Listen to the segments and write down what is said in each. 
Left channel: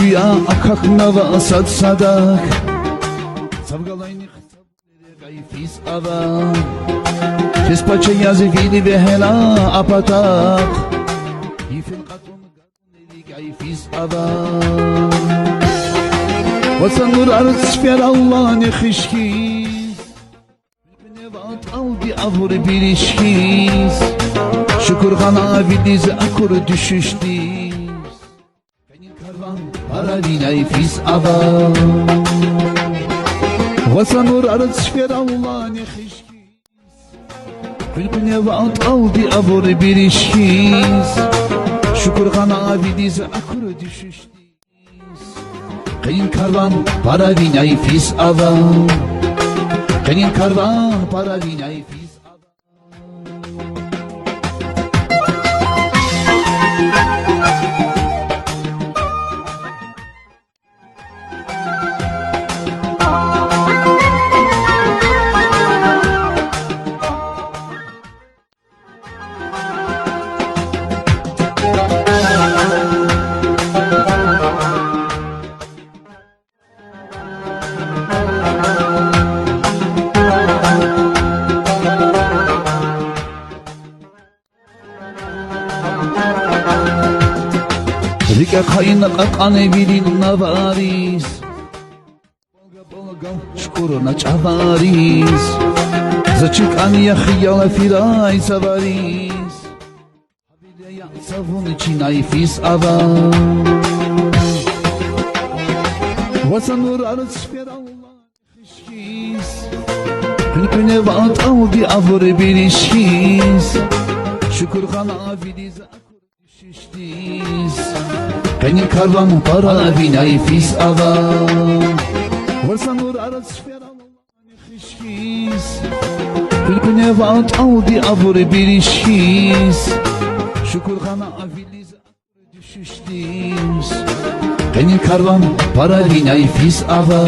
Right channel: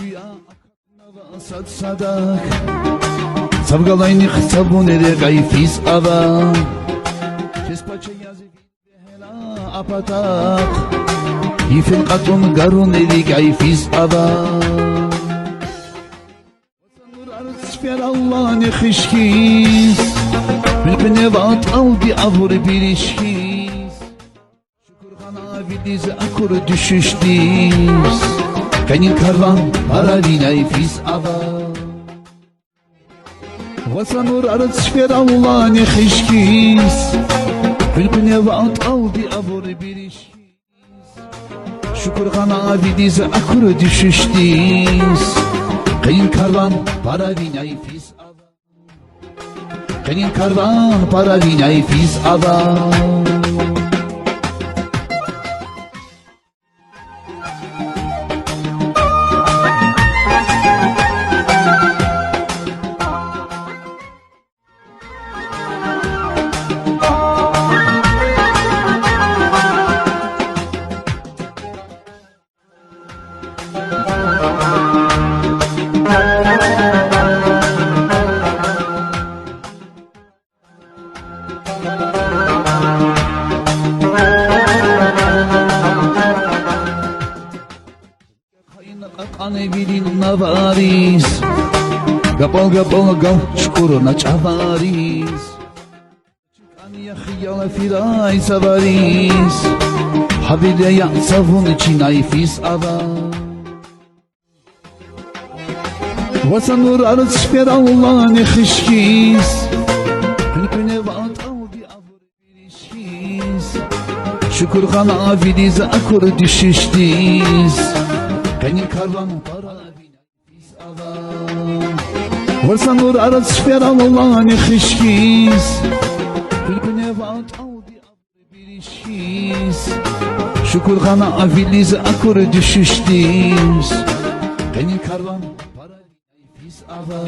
Duya akak nava sad sadak Savgalayni xsabunere gayfiz ava Kespaça yazı vili ve hela apatak Yifin katun garun eli gayfiz ava Vasanur arz şfer Allah ne xişkiz Bilpine vat aldi avur bir işkiz Şükür gana vidiz akur düşüştiz Kanin karvan para vinay fiz ava Vasanur arz şfer Allah ne xişkiz Bilpine vat aldi avur bir işkiz Şükür gana vidiz akur düşüştiz Kanin karvan para vinay fiz ava Kanin karvan para vinay fiz ava Rika kayna kakane bilin navaris Gapal gal çukuruna çavaris Zaçıkan ya khiyala firay savaris Habile ya savun içinay fiz ava Vasanur arz şper Allah ne xişkiz Hülküne vat aldi avur bir işkiz Şükür gana vidiz akur düşüştiz Kanin karvan para vinay fiz ava Vasanur arz şfer Allah ne xişkiz Hülküne vat aldi avur bir işkiz Şükür gana vidiz akur düşüştiz Kanin karvan para vinay fiz ava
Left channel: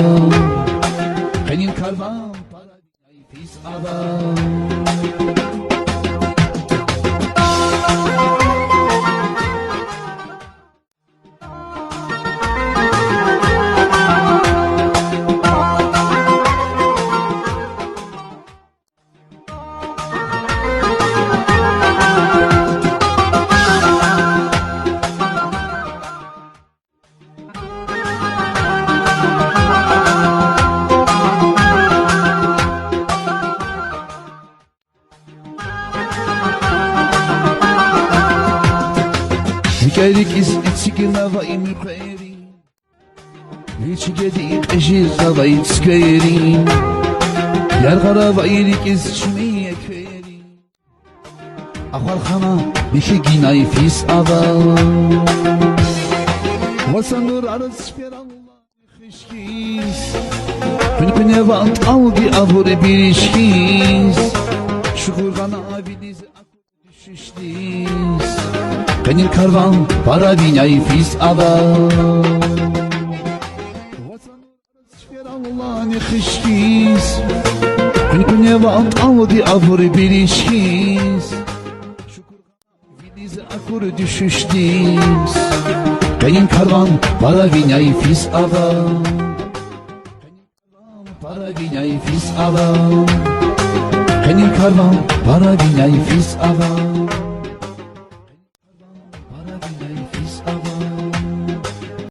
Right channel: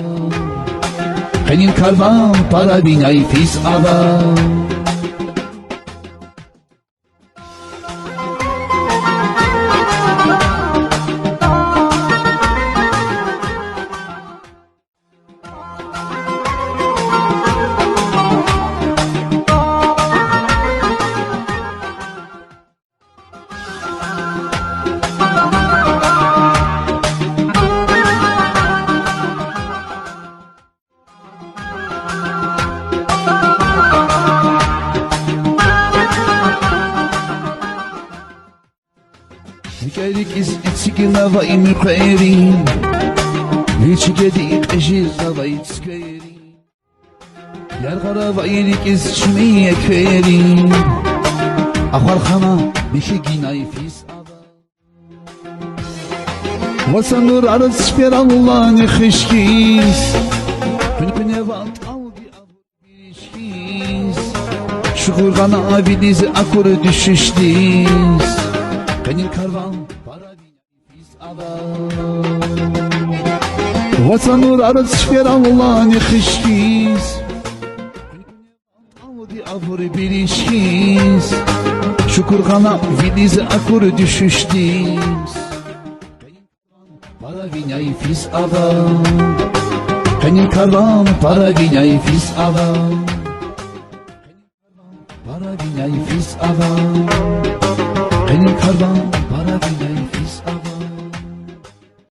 Kanin karvan para vinay fiz ava Hikaylik iz etsikina va imir khairin Vilçi gedi qeşir va itskairin Yargara va ilik iz çmiye kairin Akhar khana bişi ginay fiz ava Vasanur arz şfer Allah ne xişkiz Hülküne vat aldi avur bir işkiz Şükür gana vidiz akur düşüştiz Kanin karvan para vinay fiz ava Vasanur arz şfer Allah ne xişkiz Hülküne vat aldi avur bir işkiz Şükür gana vidiz akur düşüştiz Kanin karvan para vinay fiz ava Kanin karvan para vinay fiz ava Kanin karvan para vinay fiz ava Kanin karvan